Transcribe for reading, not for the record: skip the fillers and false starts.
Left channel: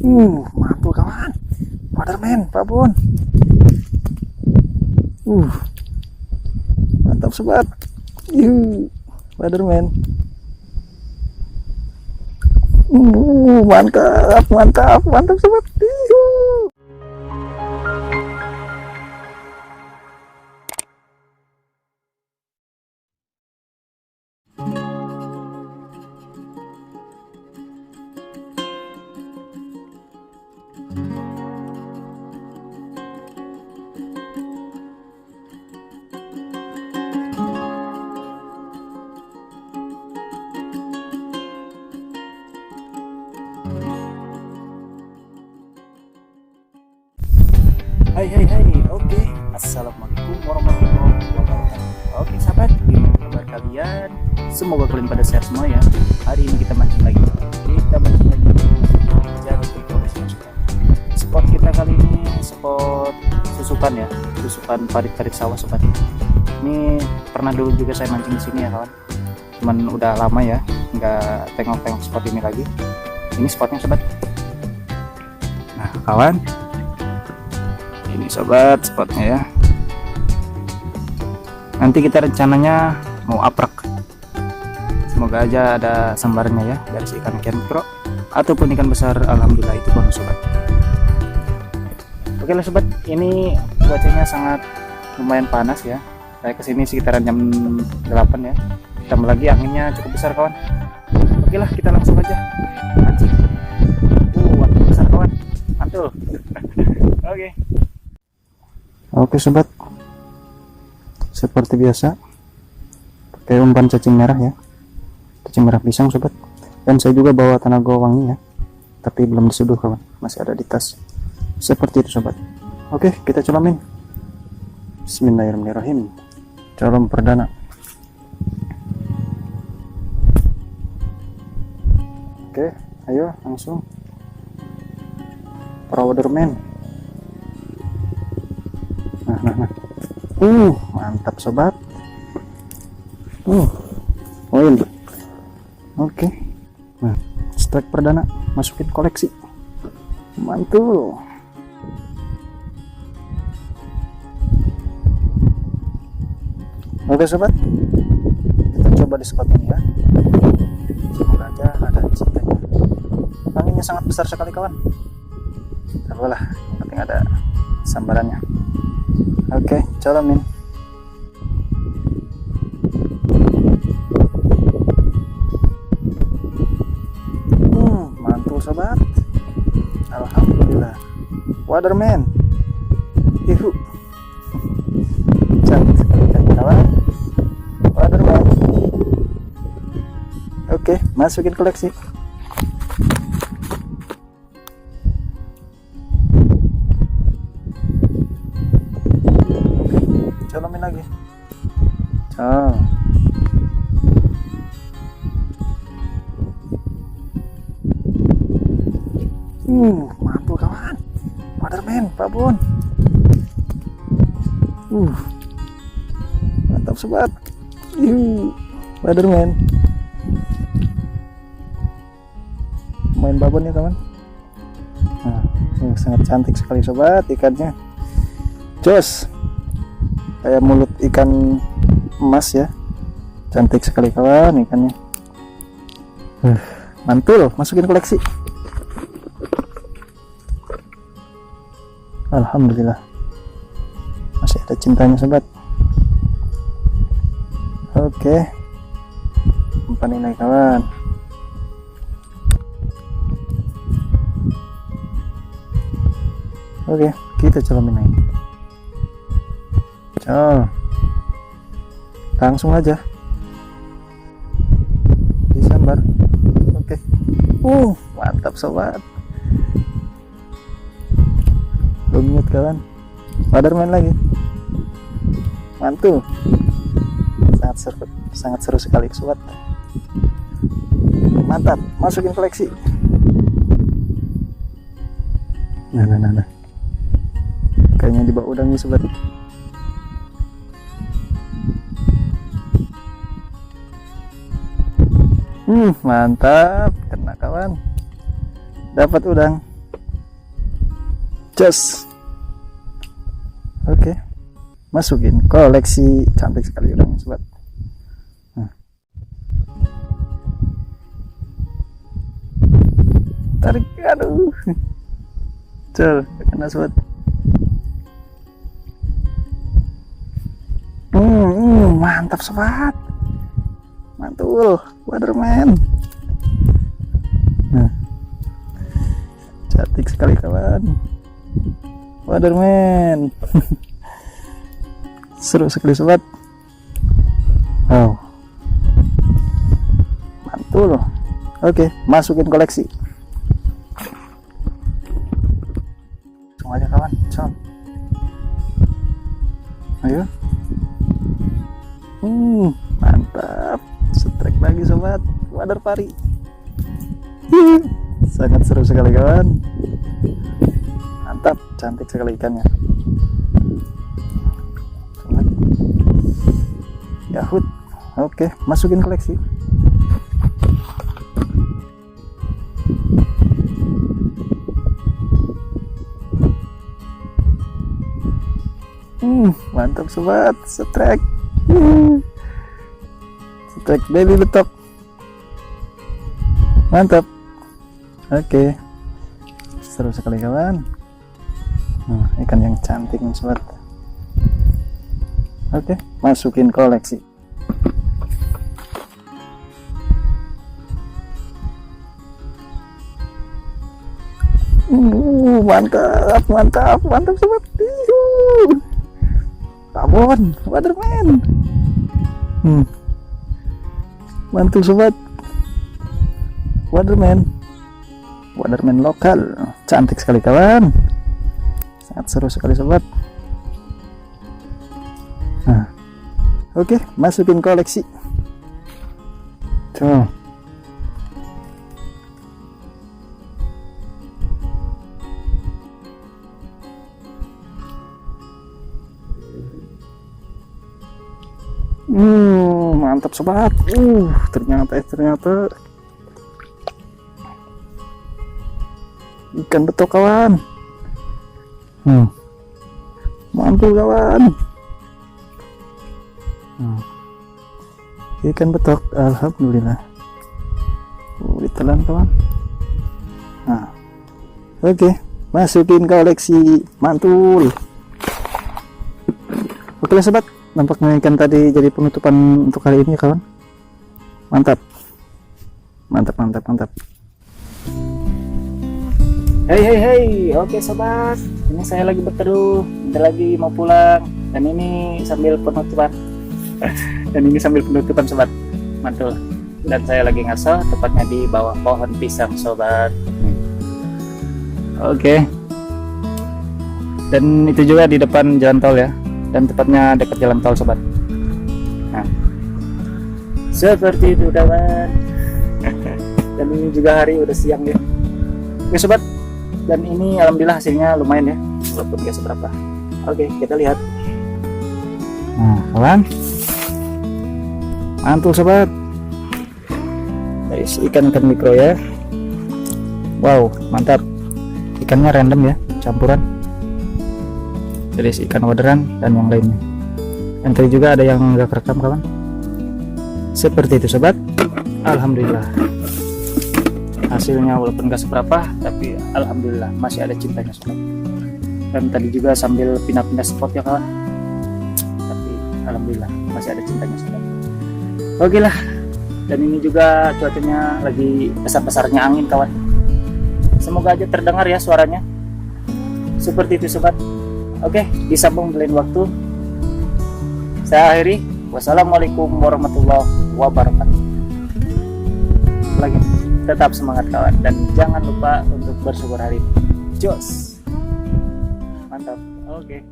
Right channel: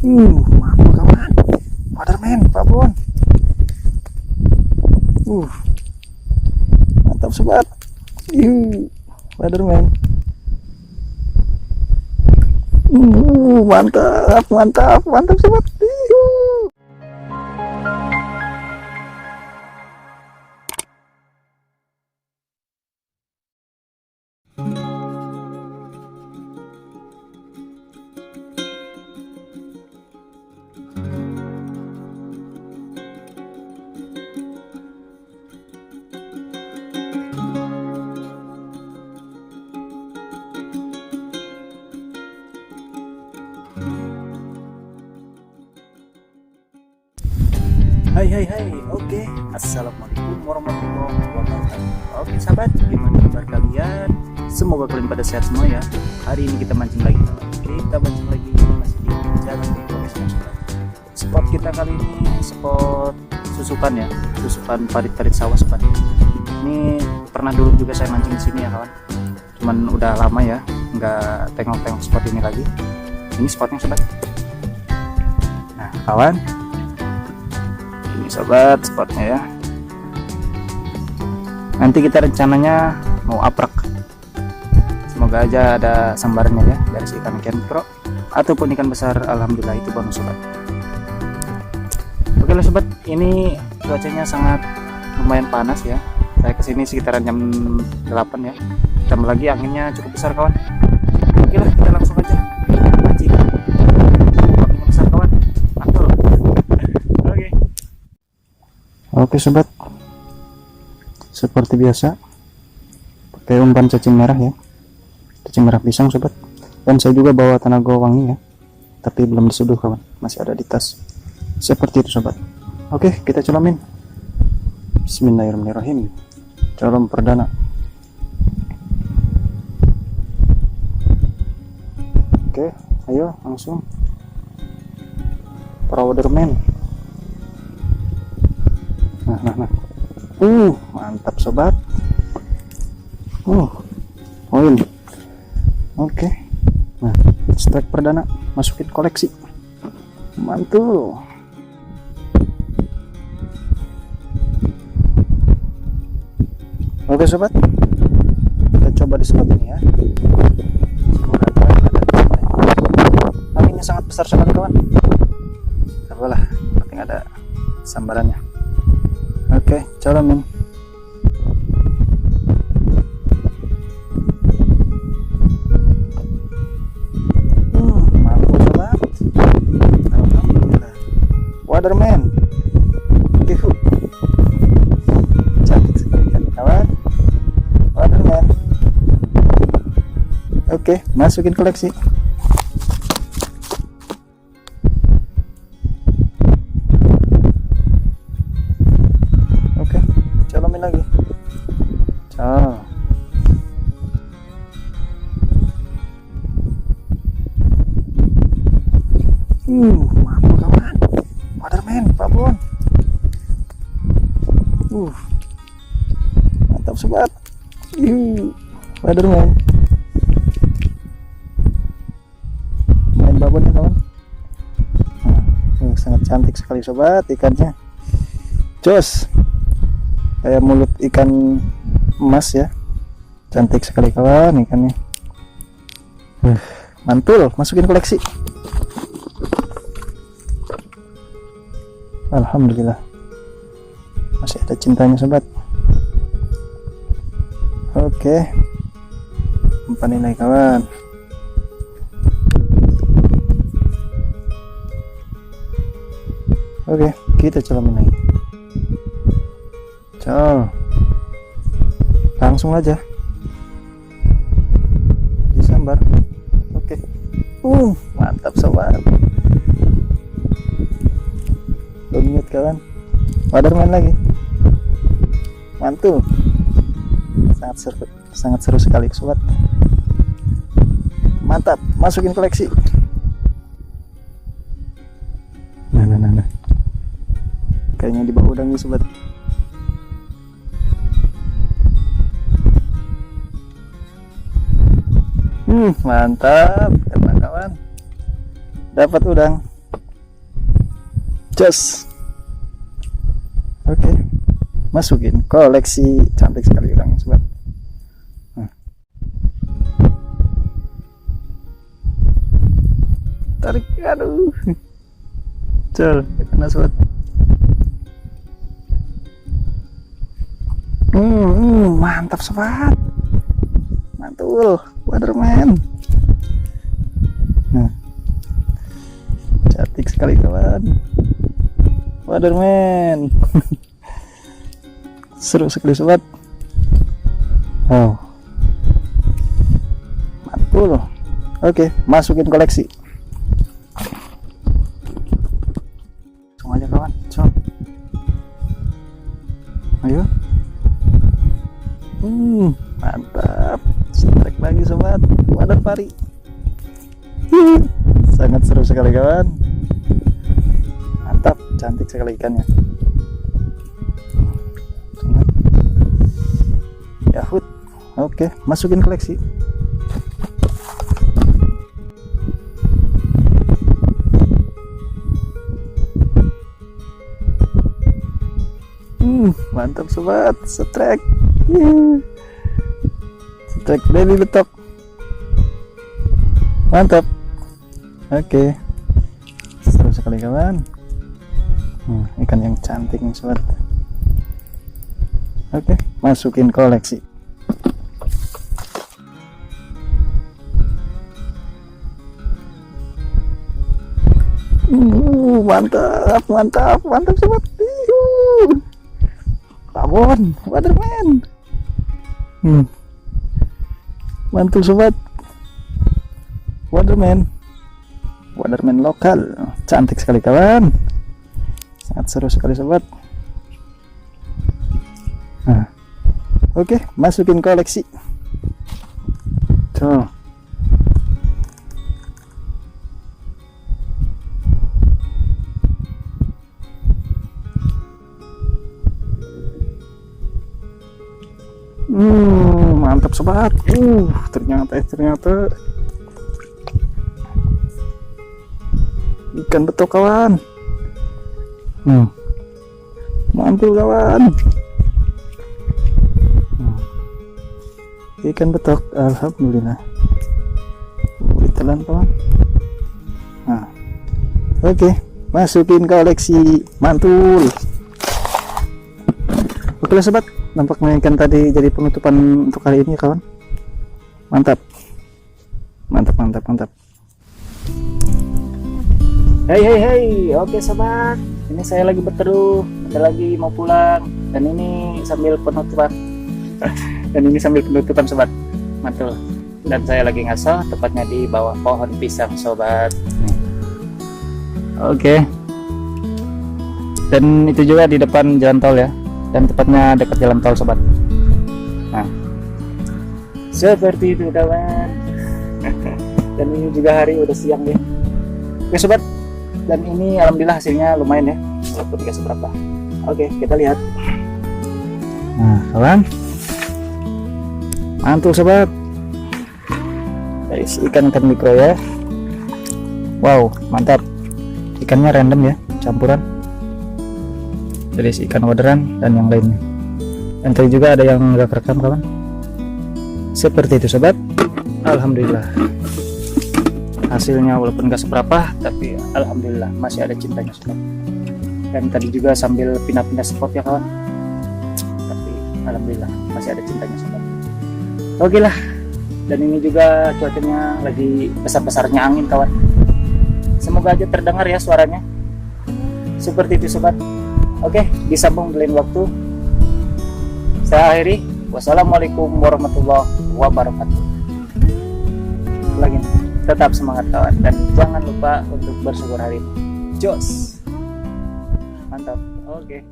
Mampu kawan. Waterman, Pak Bon. Mantap sobat. Waterman. Mantap sobat. Hai, oke. Assalamualaikum warahmatullahi wabarakatuh. Oke sahabat, gimana kabar kalian? Semoga kalian pada sehat semua ya. Hari ini kita mancing lagi. Kita mancing lagi di Jalan Forest. Spot kita kali ini spot susupan ya, susupan parit-parit sawah sobat. Ini pernah dulu juga saya mancing di sini ya kawan. Cuman udah lama ya, nggak tengok-tengok spot ini lagi. Ini spotnya sobat. Nah kawan, ini sobat spotnya ya. Nanti kita rencananya mau aprek. Semoga aja ada sambarannya ya dari si ikan mikro ataupun ikan besar. Alhamdulillah itu bonus sobat. Oke lah sobat, ini cuacanya sangat lumayan panas ya. Saya kesini sekitaran jam 8 ya. Ditambah lagi anginnya cukup besar kawan. Oke lah, kita langsung aja mancing. Waktu besar kawan, mantul. Oke sobat, seperti biasa pakai umpan cacing merah ya, cacing merah pisang sobat. Dan saya juga bawa tanago wangi ya, tapi belum diseduh kawan, masih ada di tas. Seperti itu sobat. Oke, kita colomin. Bismillahirrahmanirrahim. Colom perdana. Oke, ayo langsung. Waterman. Nah. Mantap sobat. Poin. Oke. Nah, strike perdana, masukin koleksi. Mantul. Oke sobat, kita coba di spot ini ya. Semoga ada anginnya sangat besar sekali kawan. Tak apalah, yang penting ada sambarannya. Oke, colomin. Mantul sobat. Alhamdulillah. Waterman. Yuhu. Cantik sekali kawan. Waterman. Oke, masukin koleksi. Colomin lagi. Mampu kawan. Waterman, Pak Bon. Mantap sobat. Waterman. Main babonnya kawan. Sangat cantik sekali sobat ikannya. Jos. Kayak mulut ikan emas ya, cantik sekali kawan ikannya. Mantul, masukin koleksi. Alhamdulillah, masih ada cintanya sobat. Oke, umpan ini kawan. Oke, kita colomin lagi. Langsung aja disambar. Oke. Mantap sobat. Lumut kawan. Waterman lagi. Mantul. Sangat seru sekali sobat. Mantap, masukin koleksi. Nah. Kayaknya di bawah udang nih sobat. Mantap, kena kawan. Dapat udang. Just oke, masukin koleksi. Cantik sekali udangnya sobat. Tarik, aduh, cel, kena sobat. Mantap sobat, mantul, Waterman. Nah, cantik sekali kawan, Waterman. Seru sekali sobat. Wow, mantul. Oke, masukin koleksi. Langsung aja kawan, com. Ayo. Mantap. Strike lagi sobat, wader pari. Sangat seru sekali kawan. Mantap, cantik sekali ikannya. Yahut. Oke, masukin koleksi. Mantap sobat, strike. Strike baby betok. Mantap. Oke, seru sekali kawan. Ikan yang cantik nih sobat. Oke, masukin koleksi. Mantap, mantap, mantap sobat. Tabon, Waterman. Mantul sobat, Waterman. Waterman lokal, cantik sekali kawan. Sangat seru sekali sobat. Nah, oke, masukin koleksi. Tuh. Mantap sobat. Ternyata ikan betok kawan. Mantul kawan. Ikan betok, alhamdulillah. Ditelan kawan. Nah, oke, masukin koleksi. Mantul. Oke lah sobat, nampaknya ikan tadi jadi penutupan untuk kali ini ya kawan. Mantap, mantap, mantap, mantap. Hey, oke sobat, ini saya lagi berteduh, bentar lagi mau pulang, dan ini sambil penutupan. Dan ini sambil penutupan sobat, mantul. Dan saya lagi ngaso, tepatnya di bawah pohon pisang sobat. Oke. Dan itu juga di depan jalan tol ya, dan tepatnya dekat jalan tol sobat. Nah, seperti itu kawan. Dan ini juga hari udah siang ya. Oke sobat, dan ini alhamdulillah hasilnya lumayan ya, walaupun gak seberapa. Oke, kita lihat. Nah kawan, mantul sobat. Dari ikan-ikan mikro ya. Wow, mantap. Ikannya random ya, campuran dari ikan orderan dan yang lainnya. Dan tadi juga ada yang gak kerekam kawan. Seperti itu sobat. Alhamdulillah, hasilnya walaupun gak seberapa, tapi alhamdulillah masih ada cintanya sobat. Dan tadi juga sambil pindah-pindah spot ya kawan, tapi alhamdulillah masih ada cintanya sobat. Oke lah, dan ini juga cuacanya lagi besar-besarnya angin kawan. Semoga aja terdengar ya suaranya. Seperti itu sobat. Oke, disambung lain waktu. Saya akhiri. Wassalamualaikum warahmatullahi wabarakatuh. Lagi, tetap semangat kawan, dan jangan lupa untuk bersyukur hari ini. Jos, mantap. Oke.